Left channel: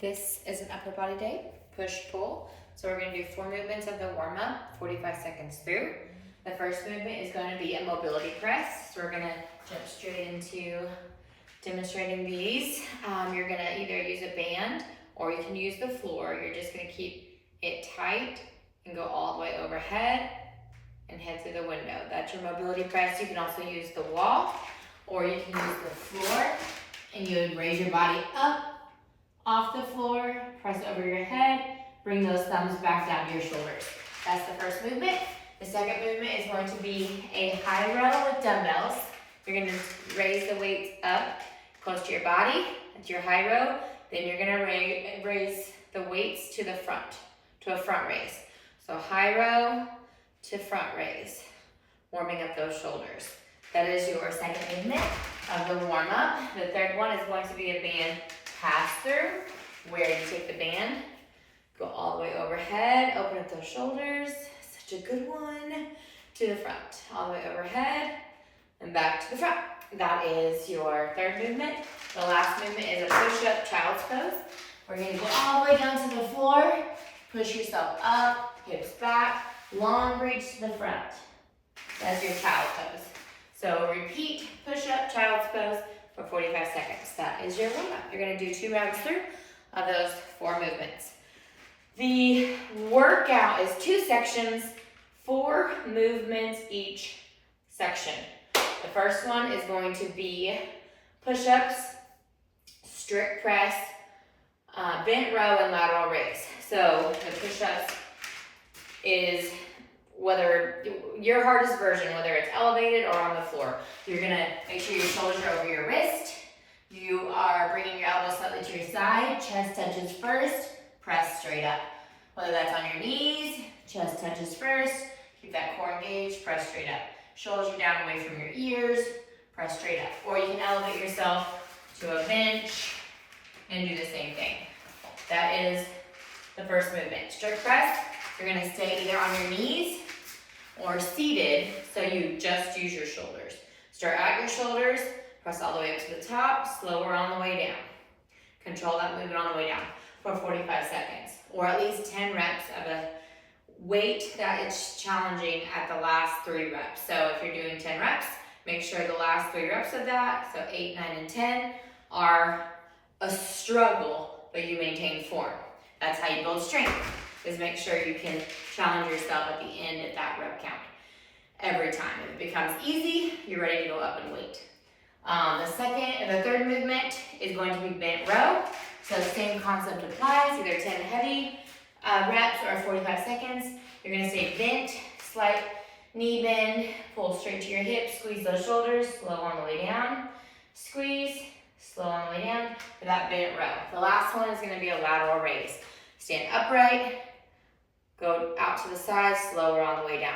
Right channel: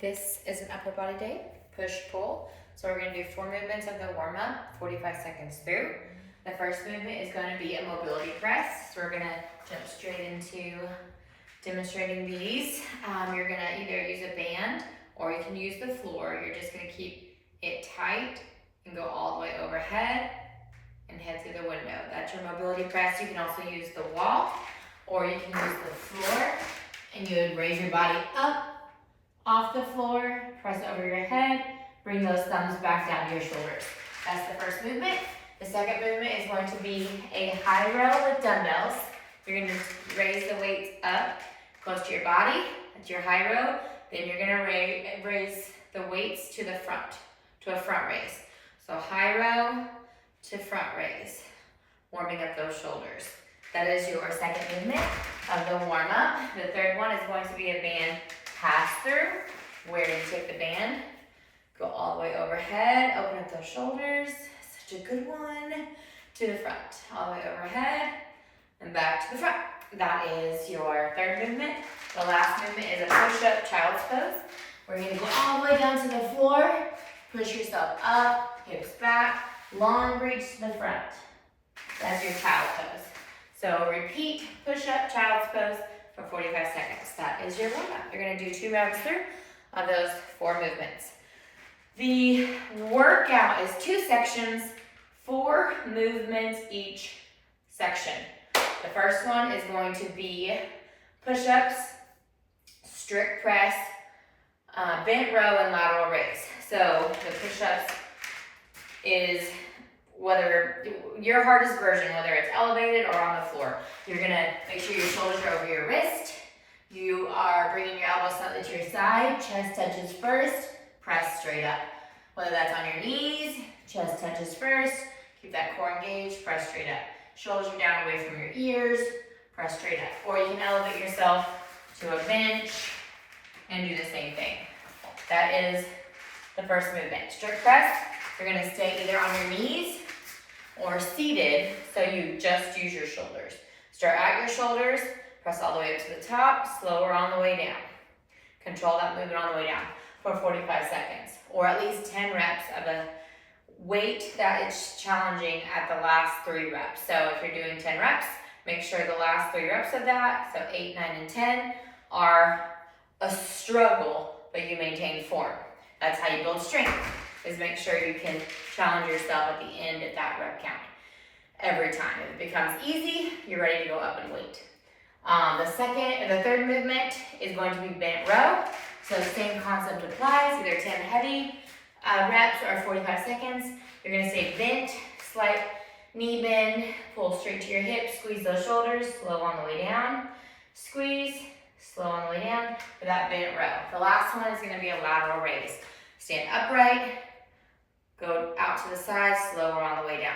This is an upper body day, push-pull. So we're going to do 4 movements of the warm-up, 45 seconds through. The first movement is going to be a mobility press. So we're going to jump straight into demonstrating these. You're going to either use a band or you can use the floor. You're just going to keep it tight and go all the way overhead and head through the window. That's your mobility press. You can also use the wall or you can use the floor, and you would raise your body up off the floor, press over your head, bring those thumbs back down to your shoulders. That's the first movement. The second movement is going to be a high row with dumbbells. You're going to raise the weights up close to your body. That's your high row. Then you're going to raise the weights to the front, to a front raise. So high row to front raise, warming up those shoulders. That is your second movement of the warm-up. The third one is going to be a band pass-through, where you take the band, go all the way overhead, open up those shoulders, such a good one, to the front, all the way overhead, and back to the front. That is your third movement. The last movement is a push-up child's pose. We're going to go all the way down to the floor, push yourself up, hips back, long reach to the front. That's your child's pose. So repeat push-up child's pose for 45 seconds. That is your warm-up. You're going to do 2 rounds through of those 4 movements. The workout is 2 sections, 4 movements each section. The first one is going to be push-ups, strict press, bent row, and lateral raise. So the push-ups is whether your hardest version, whether it's elevated or on the floor. You're gonna make sure your shoulders are over your wrist. You are bringing your elbows slightly to your side, chest touches first, press straight up. Whether that's on your knees, chest touches first, keep that core engaged, press straight up. Shoulders are down away from your ears, press straight up. Or you can elevate yourself to a bench and do the same thing. That is the first movement. Strict press, you're gonna stay either on your knees or seated, so you just use your shoulders. Start at your shoulders, press all the way up to the top, slower on the way down. Control that movement on the way down for 45 seconds, or at least 10 reps of a weight that is challenging at the last 3 reps. So if you're doing 10 reps, make sure the last 3 reps of that, so 8, 9, and 10, are a struggle, but you maintain form. That's how you build strength, is make sure you can challenge yourself at the end at that rep count every time. If it becomes easy, you're ready to go up in weight. The third movement is going to be bent row. So the same concept applies, either 10 heavy reps or 45 seconds. You're going to stay bent, slight knee bend, pull straight to your hips, squeeze those shoulders, slow on the way down, squeeze, slow on the way down for that bent row. The last one is going to be a lateral raise. Stand upright, go out to the side, slower on the way down.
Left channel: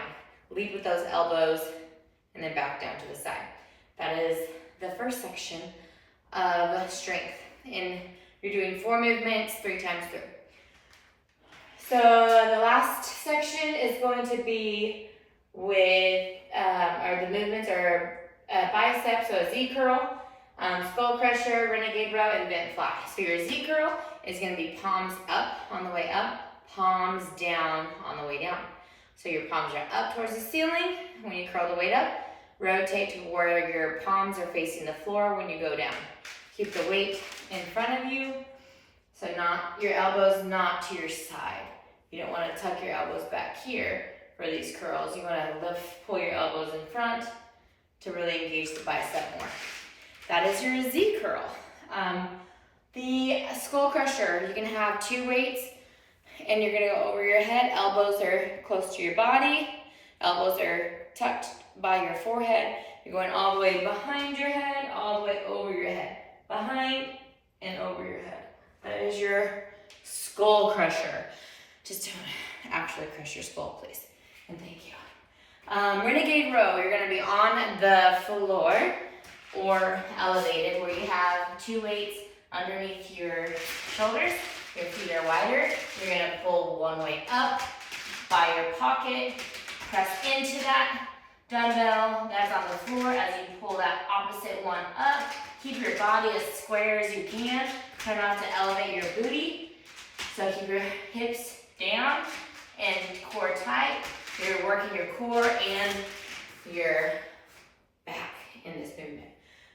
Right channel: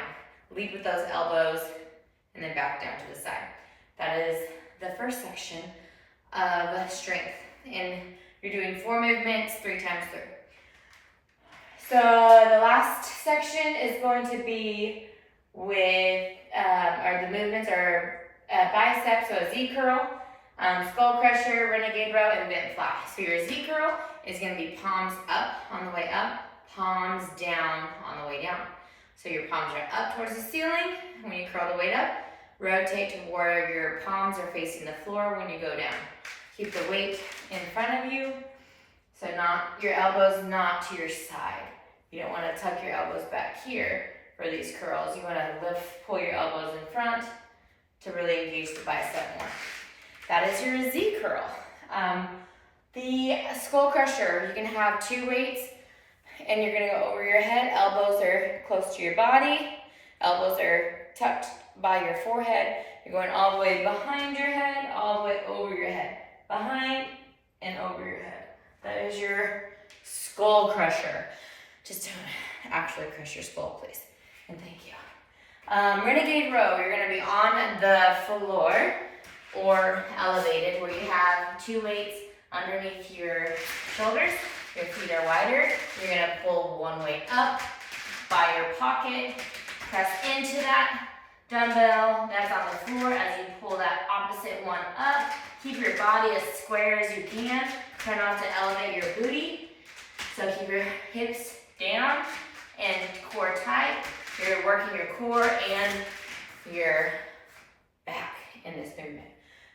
Lead with those elbows, and then back down to the side. That is the first section of strength. And you're doing 4 movements 3 times through. So the last section is going to be with, the movements are bicep, so a Z curl, skull crusher, renegade row, and bent fly. So your Z curl is going to be palms up on the way up, palms down on the way down. So your palms are up towards the ceiling. When you curl the weight up, rotate to where your palms are facing the floor when you go down. Keep the weight in front of you, so not your elbows not to your side. You don't want to tuck your elbows back here for these curls. You want to pull your elbows in front to really engage the bicep more. That is your Z curl. The skull crusher, you're going to have 2 weights, and you're going to go over your head. Elbows are close to your body. Elbows are tucked by your forehead. You're going all the way behind your head, all the way over your head. Behind and over your head. That is your skull crusher. Just don't actually crush your skull, please. And thank you. Renegade row, you're going to be on the floor or elevated, where you have 2 weights underneath your shoulders. Your feet are wider. You're going to pull 1 weight up by your pocket. Press into that dumbbell that's on the floor as you pull that opposite one up. Keep your body as square as you can. Try not to elevate your booty. So keep your hips down and core tight. You're working your core and your back in this movement.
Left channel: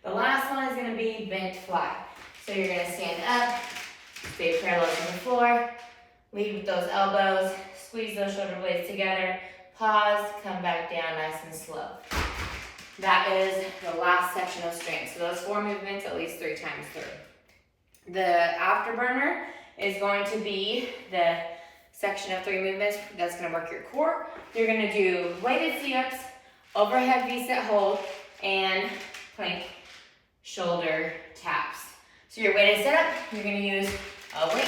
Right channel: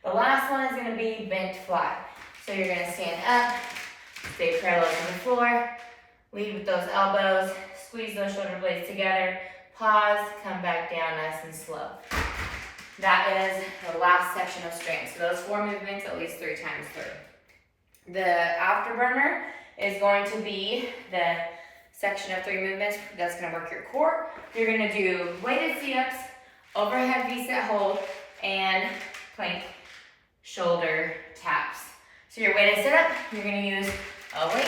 The last one is going to be bent flat. So you're going to stand up, stay parallel to the floor, lead with those elbows, squeeze those shoulder blades together, pause, come back down nice and slow. That is the last section of strength. So those 4 movements at least 3 times through. The afterburner is going to be the section of 3 movements that's going to work your core. You're going to do weighted sit-ups, overhead V-sit hold, and plank shoulder taps. So your weighted sit-up, you're going to use a weight.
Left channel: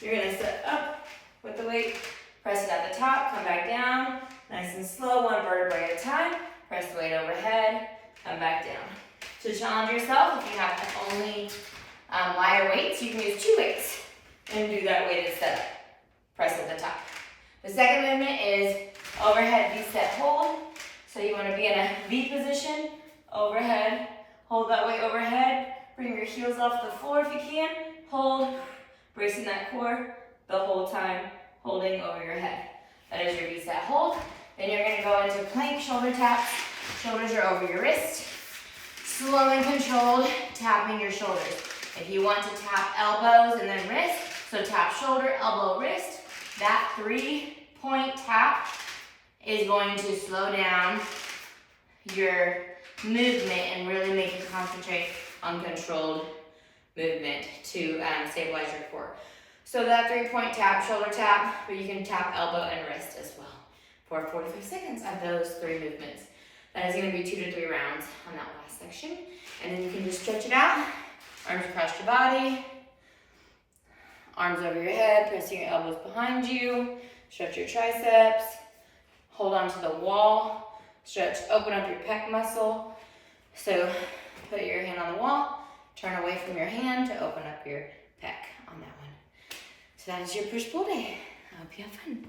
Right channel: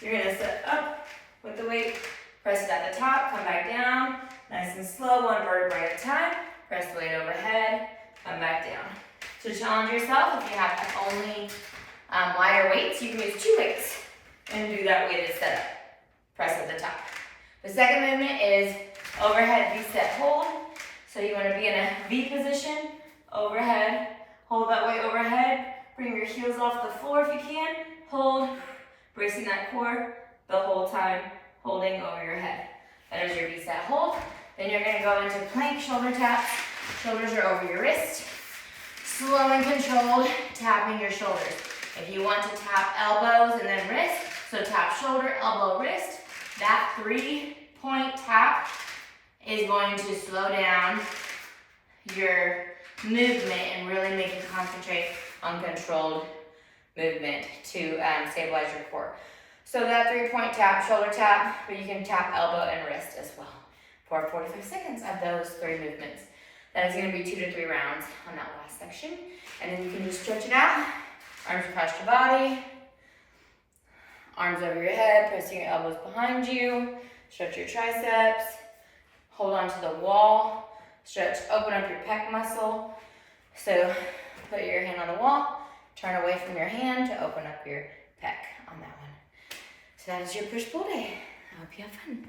You're going to sit up with the weight, press it at the top, come back down, nice and slow, 1 vertebrae at a time. Press the weight overhead, come back down. To challenge yourself, if you have only lighter weights, you can use 2 weights and do that weighted setup. Press at the top. The second movement is overhead V-sit hold. So you want to be in a V position, overhead, hold that weight overhead, bring your heels off the floor if you can, hold, bracing that core the whole time, holding over your head. That is your V-sit hold. Then you're going to go into plank shoulder taps. Shoulders are over your wrist. Slow and controlled, tapping your shoulders. If you want to tap elbows and then wrist, so tap shoulder, elbow, wrist, that 3-point tap is going to slow down your movement and really make you concentrate on controlled movement to stabilize your core. So that 3-point tap, shoulder tap, but you can tap elbow and wrist as well for 45 seconds of those 3 movements. That is going to be 2 to 3 rounds on that last section. And then you can just stretch it out. Arms across your body. Arms over your head, pressing your elbows behind you. Stretch your triceps. Hold on to the wall. Stretch, open up your pec muscle. So put your hand on the wall. Turn away from your hand to open up your pec on that one. So that is your push-pull day. I hope you have fun.